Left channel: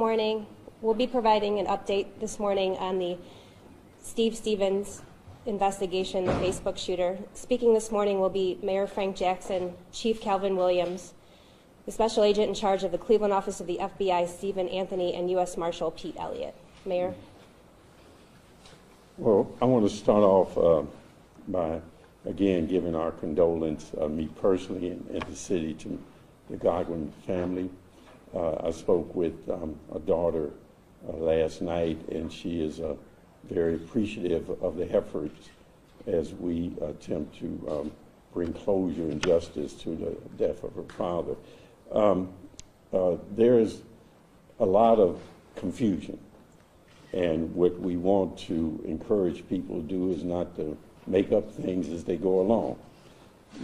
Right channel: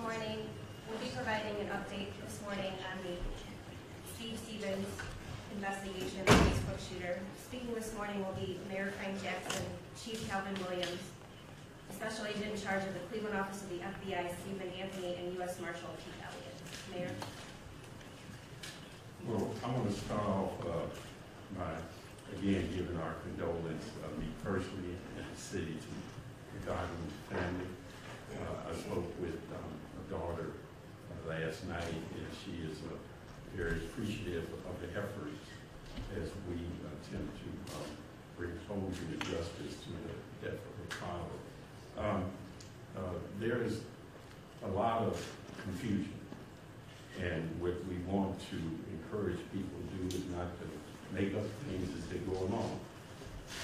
morning. We'll be providing an update this morning on the Steve Stevens investigation, the Facebook shooter. Speaking this morning will be Mayor Frank Jackson, Chief Calvin Williams, the Special Agent in charge of the Cleveland office of the FBI, Stephen Anthony, and U.S. Marshal Pete Elliott. Mayor. Well, I want to start off by, again, giving our condolence, me personally and the city, to the Godwin family. I spoke with a daughter last night, and she is very appreciative of the efforts as we attempt to bring closure and justice to the death of her father. There is a lot of confusion, and what we want to encourage people to do is not to make up things as they go along,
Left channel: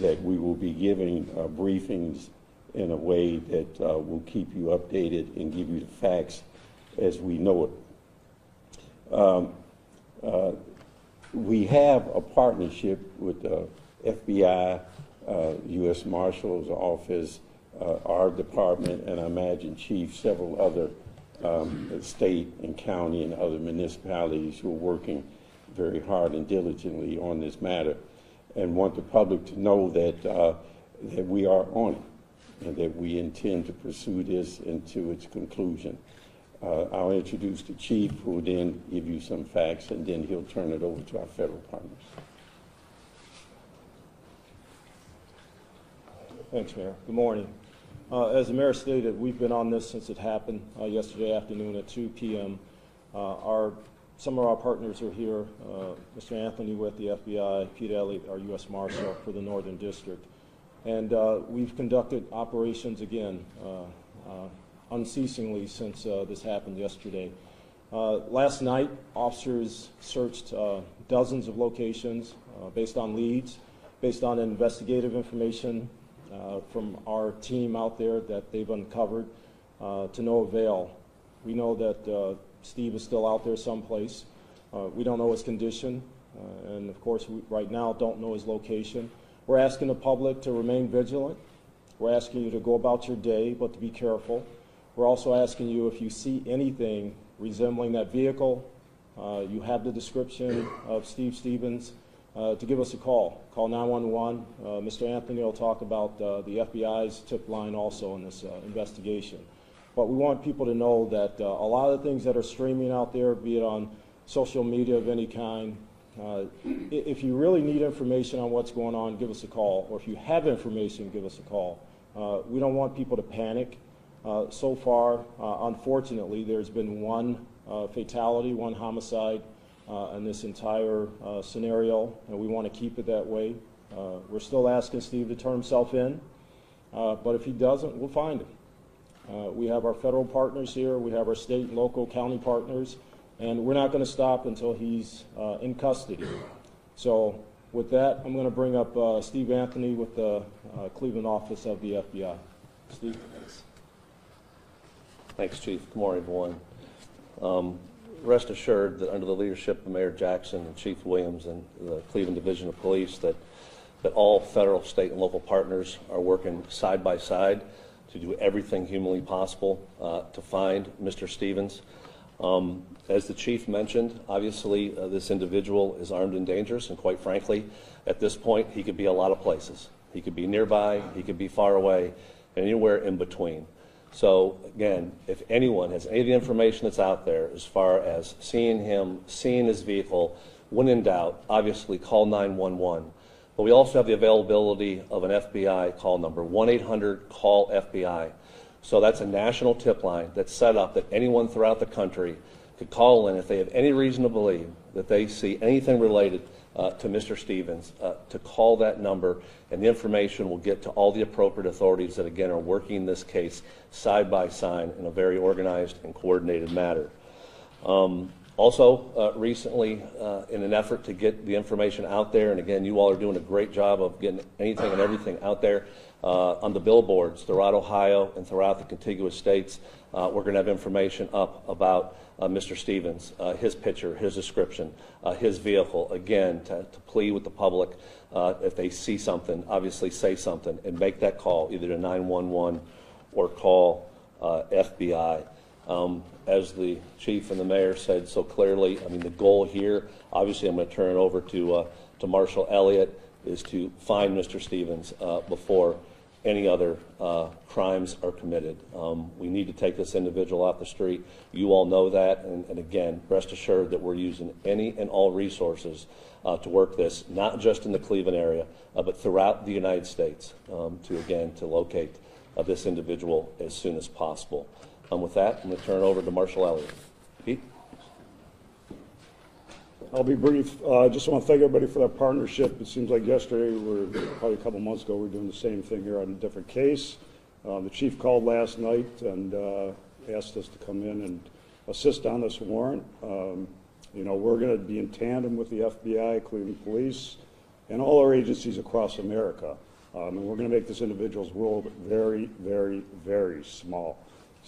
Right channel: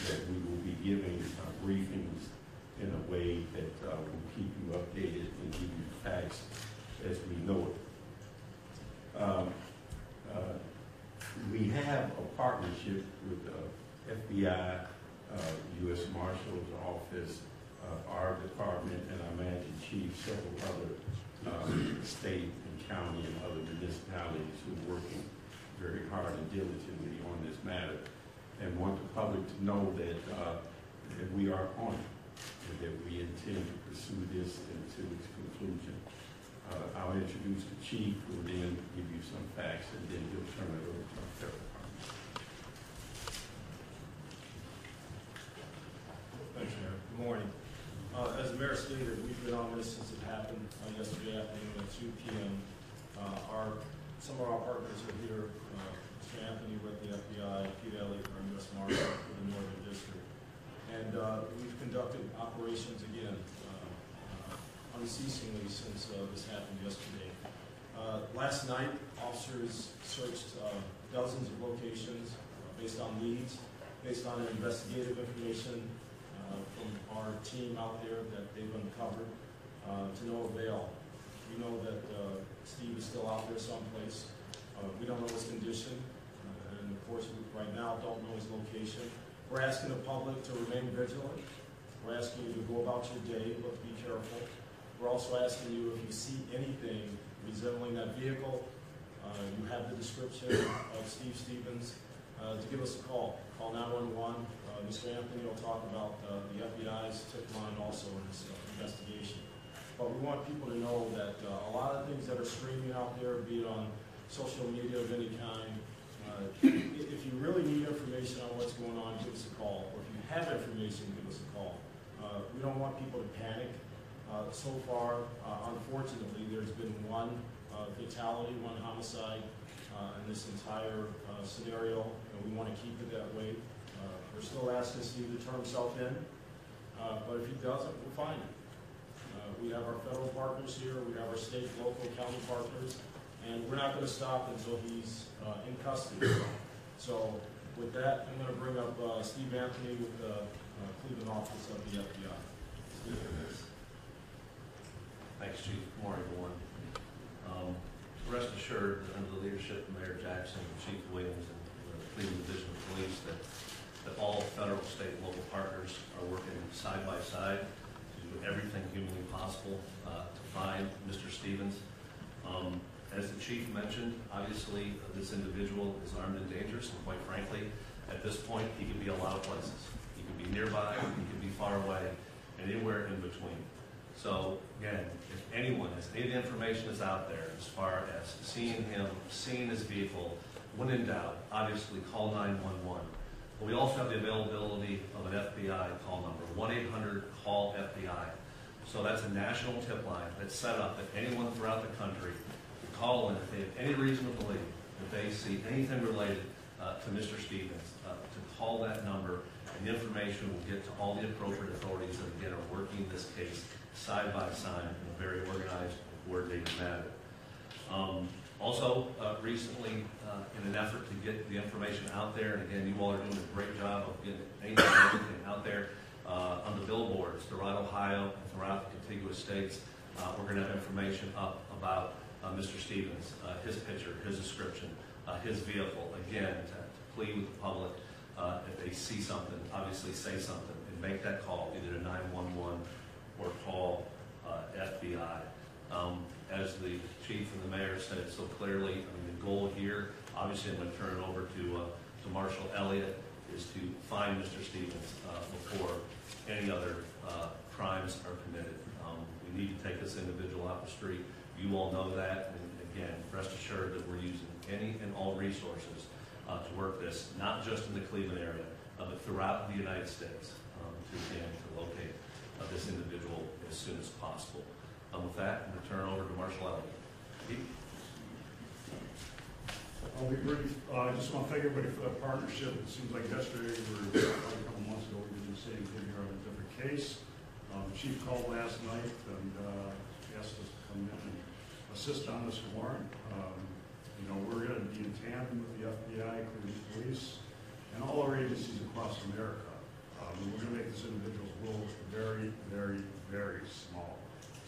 that we will be giving briefings in a way that will keep you updated and give you the facts as we know it. We have a partnership with the FBI, US Marshal's office, our department, and I imagine Chief, several other state and county and other municipalities who are working very hard and diligently on this matter, and want the public to know that, that we are on it, and that we intend to pursue this into its conclusion. I'll introduce the Chief, who will then give you some facts, and then he'll turn it over to our federal partners. Thanks, Mayor. Good morning. As the Mayor stated, we've been on this since it happened yesterday afternoon at 2 p.m. Some of our partners are here. Mr. Anthony with the FBI, Pete Elliott, our U.S. Marshal for the Northern District. And we've conducted operations again unceasingly since this happened yesterday. Last night, officers searched dozens of locations based on leads, based on investigative information from our team out there that they've uncovered to no avail. We know that Steve is still out there someplace. We don't know his condition, and of course we right now don't know his location. We're asking the public to remain vigilant. We're asking you to go about your day, but to be careful. We're also asking you, if you see anything resembling that vehicle, you have the description of Steve Stevens, to give us a call. Call 911. Mr. Anthony will talk about the FBI's tip line also in this investigation. But we want people to know that a lot of the things that are streaming out there, be it on social media of any kind, if you really need information on what's going on, give us a call. Or if you have information, give us a call. We don't want people to panic. So far, unfortunately, there's been one fatality, one homicide in this entire scenario, and we want to keep it that way. We're still asking Steve to turn himself in, but if he doesn't, we'll find him. We have our federal partners here, we have our state, local, county partners, and we're not going to stop until he's in custody. So with that, I'm going to bring up Steve Anthony with the Cleveland office of the FBI. Steve. Thanks, Chief. Good morning, everyone. Rest assured that under the leadership of Mayor Jackson and Chief Williams and the Cleveland Division of Police, that all federal, state, and local partners are working side by side to do everything humanly possible to find Mr. Stevens. As the Chief mentioned, obviously this individual is armed and dangerous, and quite frankly, at this point, he could be a lot of places. He could be nearby, he could be far away, and anywhere in between. So again, if anyone has any of the information that's out there as far as seeing him, seeing his vehicle, when in doubt, obviously call 911. But we also have the availability of an FBI call number, 1-800-CALL-FBI. So that's a national tip line that's set up that anyone throughout the country could call in if they have any reason to believe that they see anything related to Mr. Stevens, to call that number, and the information will get to all the appropriate authorities that, again, are working this case side by side in a very organized and coordinated manner. Also, recently, in an effort to get the information out there, and again, you all are doing a great job of getting anything and everything out there on the billboards throughout Ohio and throughout the contiguous states. We're going to have information up about Mr. Stevens, his picture, his description, his vehicle, again, to plead with the public. If they see something, obviously say something and make that call, either to 911 or call FBI. As the chief and the mayor said so clearly, I mean, the goal here, obviously I'm going to turn it over to Marshal Elliott, is to find Mr. Stevens before any other crimes are committed. We need to take this individual off the street. You all know that, and again, rest assured that we're using any and all resources to work this, not just in the Cleveland area, but throughout the United States, to locate this individual as soon as possible. With that, I'm going to turn it over to Marshal Elliott. Pete? I'll be brief. I just want to thank everybody for that partnership. It seems like yesterday, probably a couple months ago, we were doing the same thing here on a different case. The chief called last night and asked us to come in and assist on this warrant. We're going to be in tandem with the FBI, Cleveland Police, and all our agencies across America. And we're going to make this individual's world very, very, very small.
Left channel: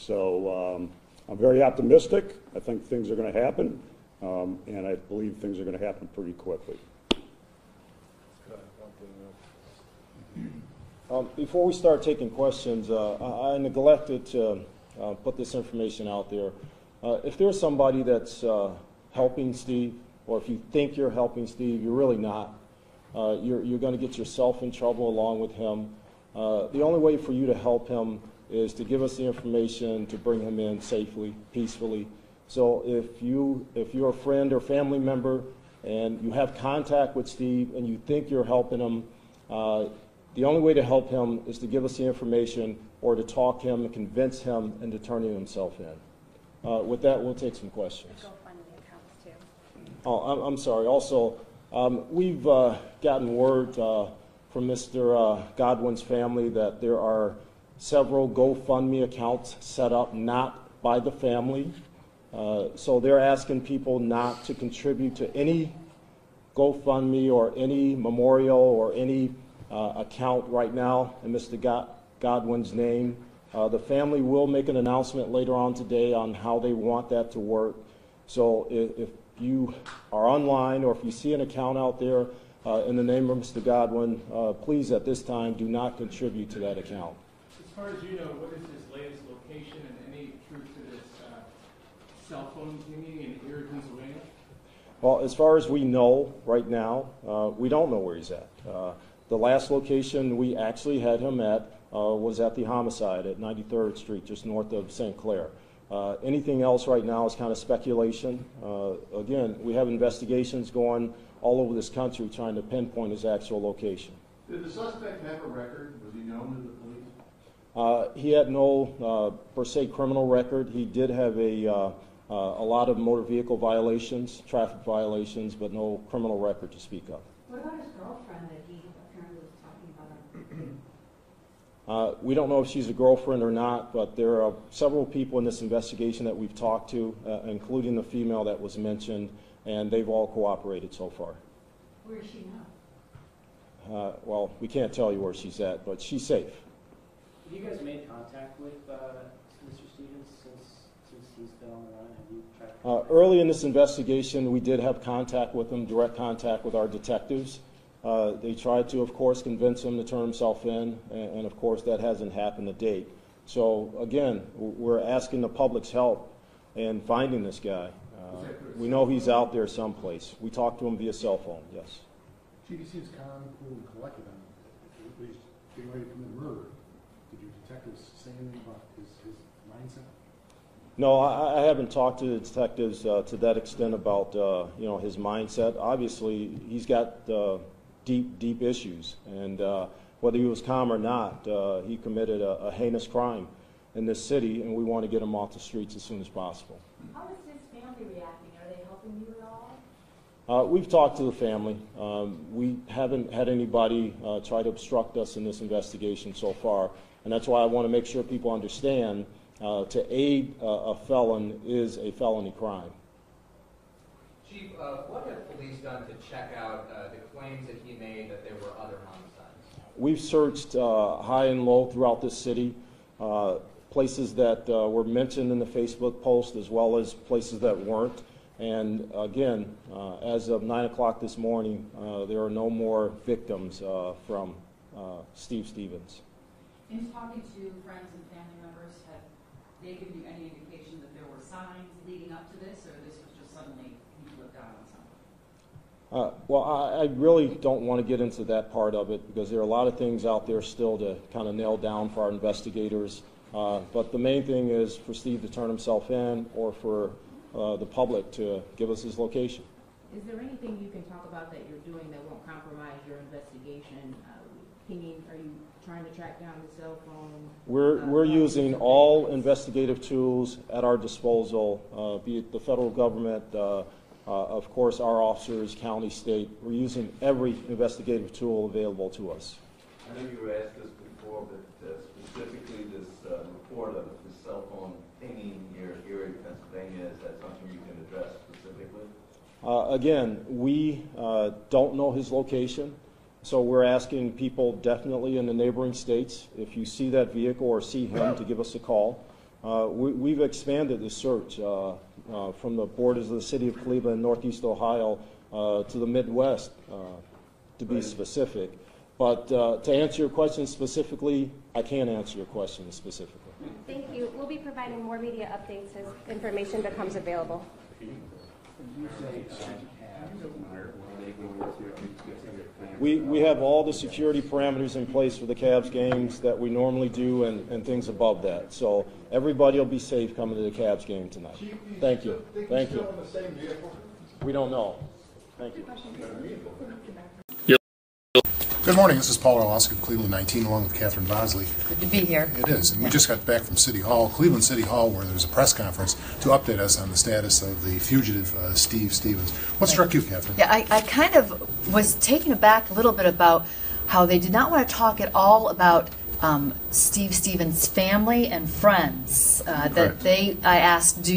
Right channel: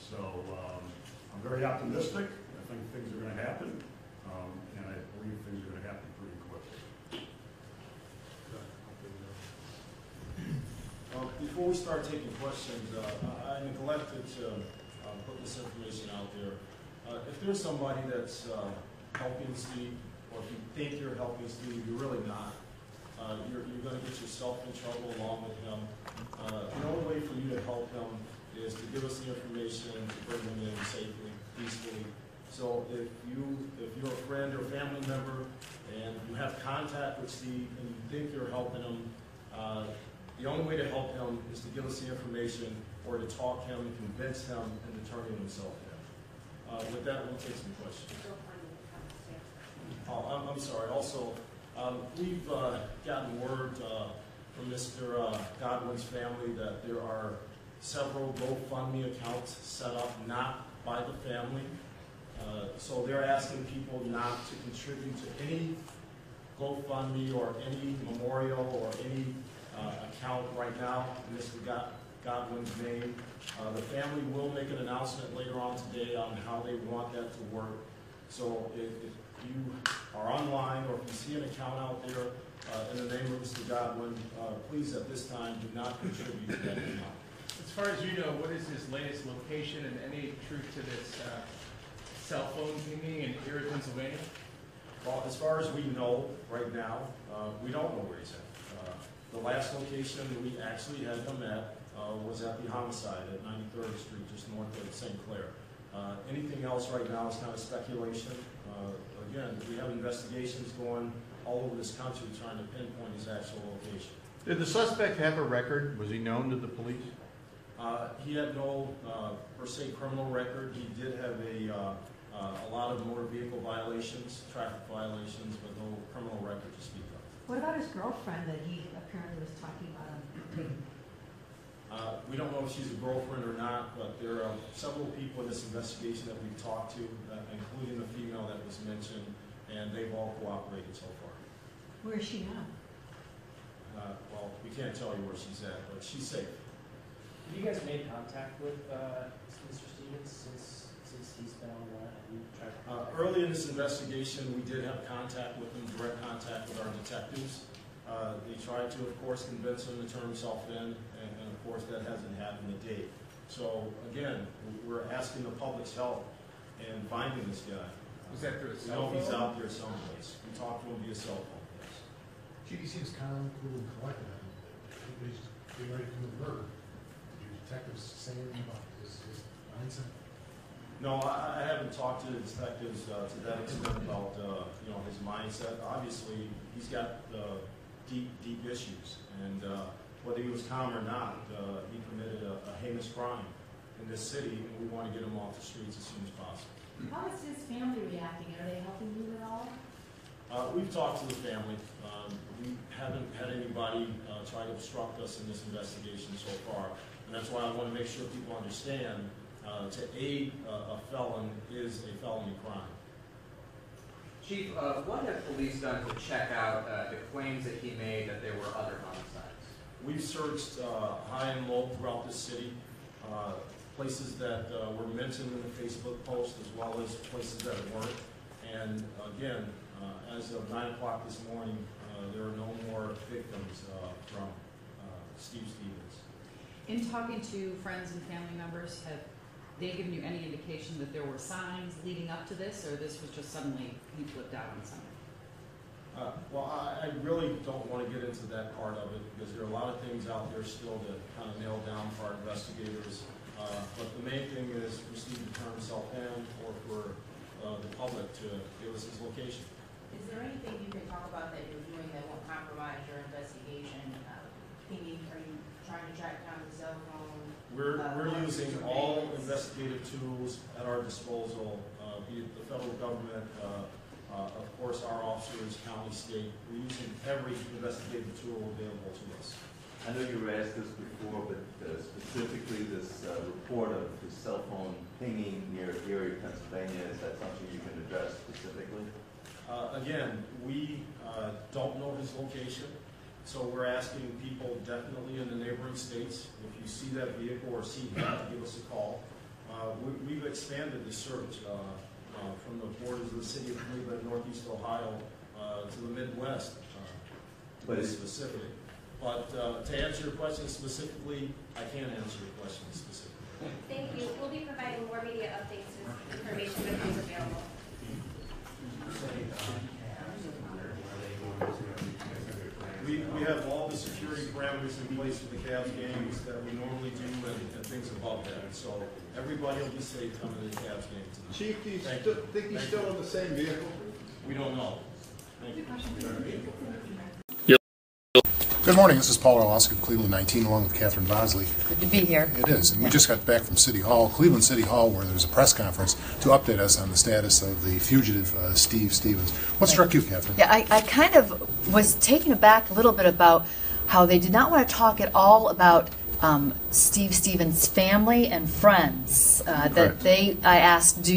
So I'm very optimistic. I think things are going to happen, and I believe things are going to happen pretty quickly. Before we start taking questions, I neglected to put this information out there. If there's somebody that's helping Steve, or if you think you're helping Steve, you're really not. You're going to get yourself in trouble along with him. The only way for you to help him is to give us the information to bring him in safely, peacefully. So if you're a friend or family member and you have contact with Steve and you think you're helping him, the only way to help him is to give us the information or to talk him and convince him into turning himself in. With that, we'll take some questions. Oh, I'm sorry. Also, we've gotten word from Mr. Godwin's family that there are several GoFundMe accounts set up not by the family. So they're asking people not to contribute to any GoFundMe or any memorial or any account right now in Mr. Godwin's name. The family will make an announcement later on today on how they want that to work. So if you are online or if you see an account out there in the name of Mr. Godwin, please at this time do not contribute to that account. As far as you know, what is his latest location and any truth to this cell phone pinging in Erie, Pennsylvania? Well, as far as we know right now, we don't know where he's at. The last location we actually had him at was at the homicide at 93rd Street, just north of St. Clair. Anything else right now is kind of speculation. Again, we have investigations going all over this country trying to pinpoint his actual location. Did the suspect have a record? Was he known to the police? He had no, per se, criminal record. He did have a lot of motor vehicle violations, traffic violations, but no criminal record to speak of. What about his girlfriend that he apparently was talking about? We don't know if she's a girlfriend or not, but there are several people in this investigation that we've talked to, including the female that was mentioned, and they've all cooperated so far. Where is she now? Well, we can't tell you where she's at, but she's safe. Have you guys made contact with Mr. Stevens since he's been on the run? Have you tried? Early in this investigation, we did have contact with him, direct contact with our detectives. They tried to, of course, convince him to turn himself in, and of course that hasn't happened to date. So again, we're asking the public's help in finding this guy. We know he's out there someplace. We talked to him via cell phone, yes. GD seems calm, cool, and collected on him. He's getting ready to commit murder. Did your detectives say anything about his mindset? No, I haven't talked to the detectives to that extent about his mindset. Obviously, he's got deep issues, and whether he was calm or not, he committed a heinous crime in this city, and we want to get him off the streets as soon as possible. How is his family reacting? Are they helping him at all? We've talked to the family. We haven't had anybody try to obstruct us in this investigation so far, and that's why I want to make sure people understand to aid a felon is a felony crime. Chief, what have police done to check out the claims that he made that there were other homicides? We've searched high and low throughout this city, places that were mentioned in the Facebook post as well as places that weren't. And again, as of 9 o'clock this morning, there are no more victims from Steve Stevens. In talking to friends and family members, they given you any indication that there were signs leading up to this, or this was just suddenly he flipped out on something? Well, I really don't want to get into that part of it because there are a lot of things out there still to kind of nail down for our investigators. But the main thing is for Steve to turn himself in or for the public to give us his location. Is there anything you can talk about that you're doing that won't compromise your investigation? Pinging, are you trying to track down the cell phone? We're using all investigative tools at our disposal, be it the federal government, of course our officers, county, state. We're using every investigative tool available to us. I know you were asked this before, but specifically this report of the cell phone pinging near Erie, Pennsylvania, is that something you can address specifically? Again, we don't know his location, so we're asking people definitely in the neighboring states, if you see that vehicle or see him, to give us a call. We've expanded the search from the borders of the city of Cleveland, Northeast Ohio, to the Midwest, to be specific. But to answer your question specifically, I can't answer your question specifically. Thank you. We'll be providing more media updates as information becomes available. We have all the security parameters in place for the Cavs games that we normally do and things above that. So everybody will be safe coming to the Cavs game tonight. Chief, do you Thank you. think Thank he's you. still in the same vehicle? We don't know. Thank you. Good morning, this is Paul Orlowski of Cleveland 19, along with Catherine Bosley. Good to be here. It is, and we just got back from City Hall, Cleveland City Hall, where there's a press conference to update us on the status of the fugitive Steve Stevens. What struck you, Catherine? Yeah, I kind of was taken aback a little bit about how they did not want to talk at all about Steve Stevens' family and friends. I asked,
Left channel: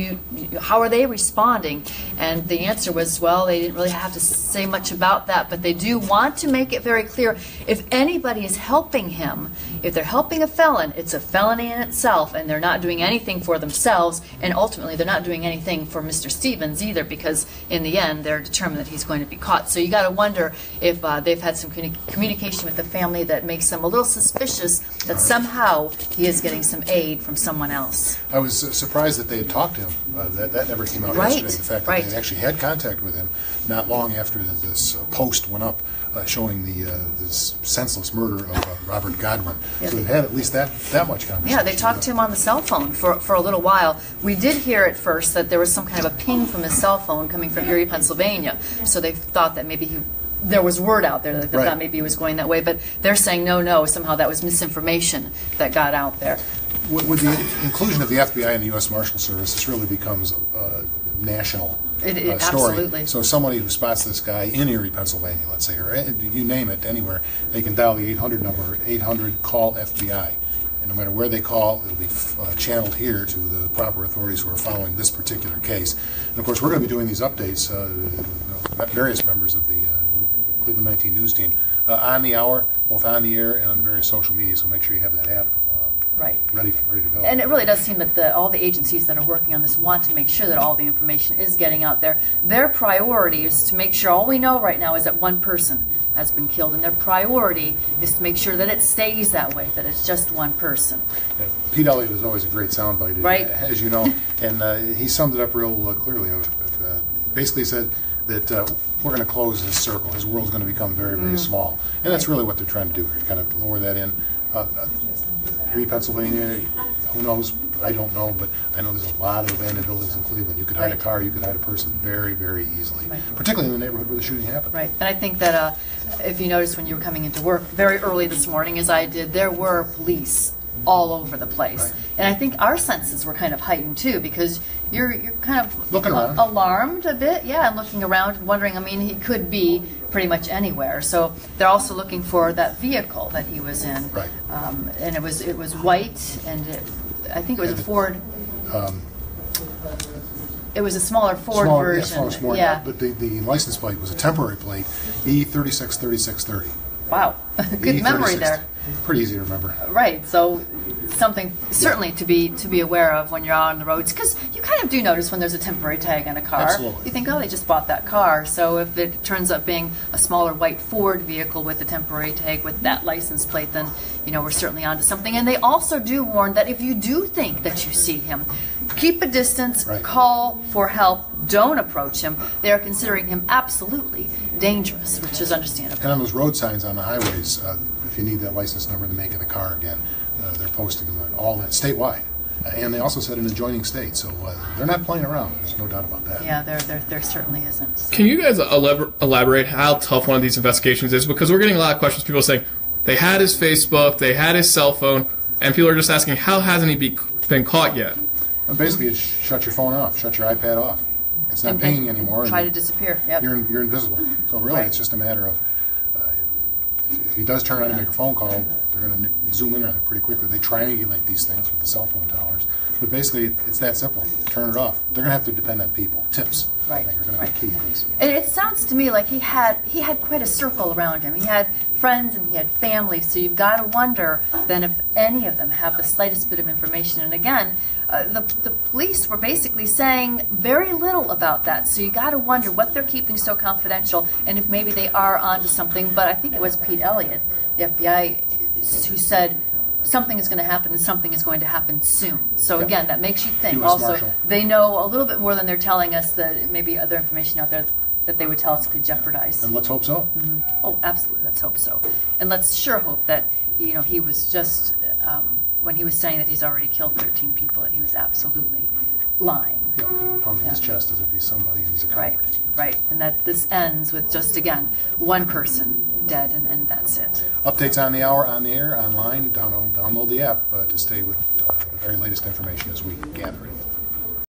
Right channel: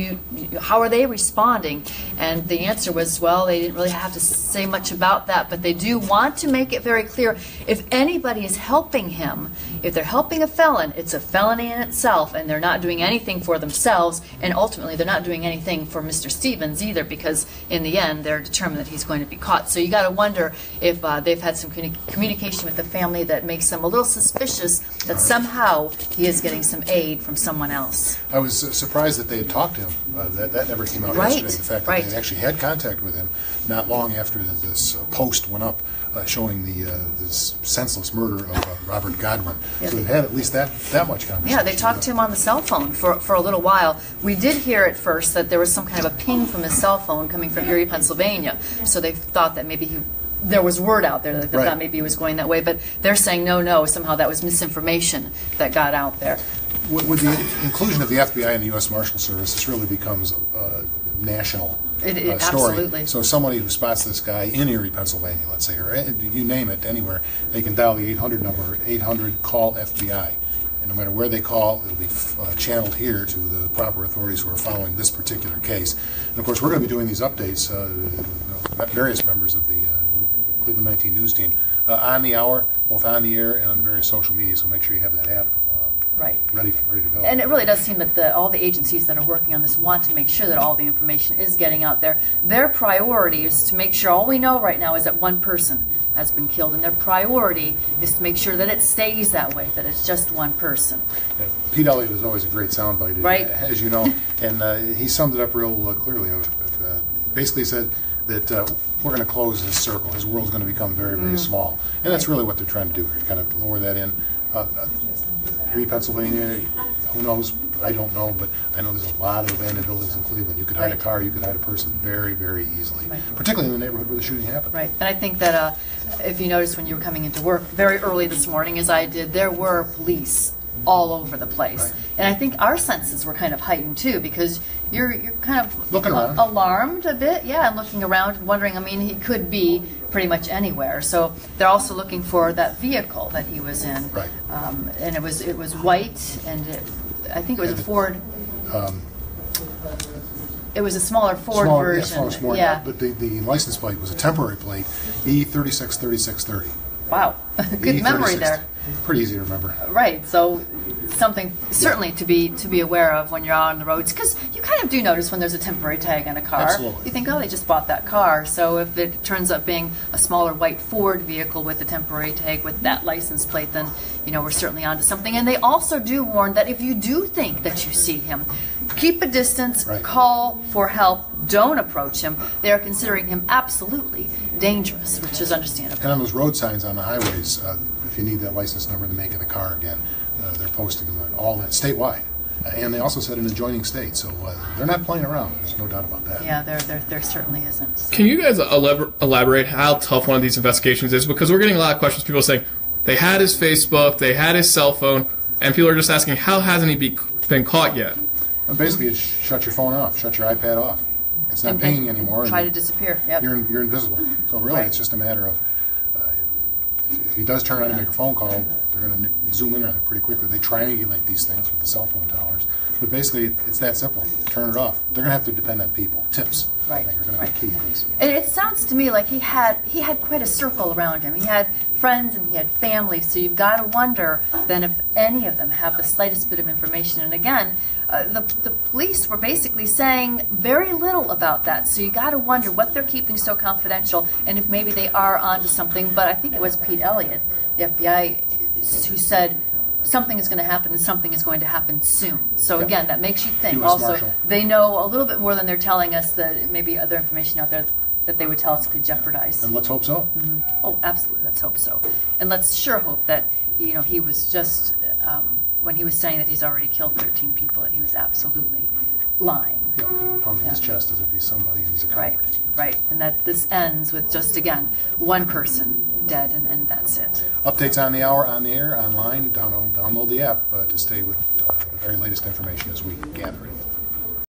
how are they responding? And the answer was, well, they didn't really have to say much about that, but they do want to make it very clear if anybody is helping him, if they're helping a felon, it's a felony in itself, and they're not doing anything for themselves, and ultimately they're not doing anything for Mr. Stevens either, because in the end they're determined that he's going to be caught. So you got to wonder if they've had some communication with the family that makes them a little suspicious that somehow he is getting some aid from someone else. I was surprised that they had talked to him. That never came out yesterday. The fact that they actually had contact with him not long after this post went up showing this senseless murder of Robert Godwin. Yeah, so they've had at least that much conversation. Yeah, they talked to him on the cell phone for a little while. We did hear at first that there was some kind of a ping from his cell phone coming from Erie, Pennsylvania. So they thought that maybe there was word out there that they thought maybe he was going that way, but they're saying no, somehow that was misinformation that got out there. With the inclusion of the FBI and the US Marshal Service, this really becomes a national story. Absolutely. So somebody who spots this guy in Erie, Pennsylvania, let's say, or you name it, anywhere, they can dial the 800 number, 800-CALL-FBI. And no matter where they call, it'll be channeled here to the proper authorities who are following this particular case. And of course, we're going to be doing these updates, various members of the Cleveland 19 news team, on the hour, both on the air and on various social media, so make sure you have that app ready to go. And it really does seem that all the agencies that are working on this want to make sure that all the information is getting out there. Their priority is to make sure, all we know right now is that one person has been killed, and their priority is to make sure that it stays that way, that it's just one person. Yeah, Pete Elliott is always a great soundbite, as you know, and he summed it up real clearly. Basically said that we're going to close his circle. His world's going to become very, very small. And that's really what they're trying to do here, kind of lower that in. Erie, Pennsylvania, who knows? I don't know, but I know there's a lot of abandoned buildings in Cleveland. You could hide a car, you could hide a person very, very easily, particularly in the neighborhood where the shooting happened. Right, and I think that if you noticed when you were coming into work very early this morning, as I did, there were police all over the place. And I think our senses were kind of heightened too, because you're kind of looking around, alarmed a bit, and looking around and wondering, I mean, he could be pretty much anywhere. So they're also looking for that vehicle that he was in. Right. And it was white, and I think it was a Ford. It was a smaller Ford version. Yeah, but the license plate was a temporary plate, E363630. Wow, good memory there. Pretty easy to remember. Right, so something certainly to be aware of when you're out on the roads, because you kind of do notice when there's a temporary tag on a car. Absolutely. You think, oh, they just bought that car. So if it turns out being a smaller white Ford vehicle with a temporary tag with that license plate, then we're certainly onto something. And they also do warn that if you do think that you see him, keep a distance, Right. Call for help, don't approach him. They are considering him absolutely dangerous, which is understandable. And on those road signs on the highways, if you need that license number to make it a car again, they're posting them on all that statewide. And they also said in adjoining states, so they're not playing around. There's no doubt about that. Yeah, there certainly isn't. So. Can you guys elaborate how tough one of these investigations is? Because we're getting a lot of questions. People saying they had his Facebook, they had his cell phone, and people are just asking, how hasn't he been caught yet? Well, basically, it's shut your phone off, shut your iPad off. It's not pinging anymore. Try to disappear. Yep. You're invisible. So really, Right. it's just a matter of if he does turn on and make a phone call, they're going to zoom in on it pretty quickly. They triangulate these things with the cell phone towers. But basically, it's that simple. Turn it off. They're going to have to depend on people. Tips, I Right. think, are going to be key to this. And it sounds to me like he had quite a circle around him. He had friends and he had family. So you've got to wonder then if any of them have the slightest bit of information. And again, the police were basically saying very little about that. So you got to wonder what they're keeping so confidential and if maybe they are onto something. But I think it was Pete Elliott, the FBI, who said something is going to happen and something is going to happen soon. So Yep. again, that makes you think. US Also, Marshal. they know a little bit more than they're telling us, that maybe other information out there that they would tell us could jeopardize. And let's hope so. Oh, absolutely. Let's hope so. And let's sure hope that, he was just, when he was saying that he's already killed 13 people, that he was absolutely lying. Yeah, pounding his chest as if he's somebody and he's a coward. Right, right. And that this ends with just, again, one person dead, and that's it. Updates on the hour, on the air, online. Download the app to stay with the very latest information as we gather it.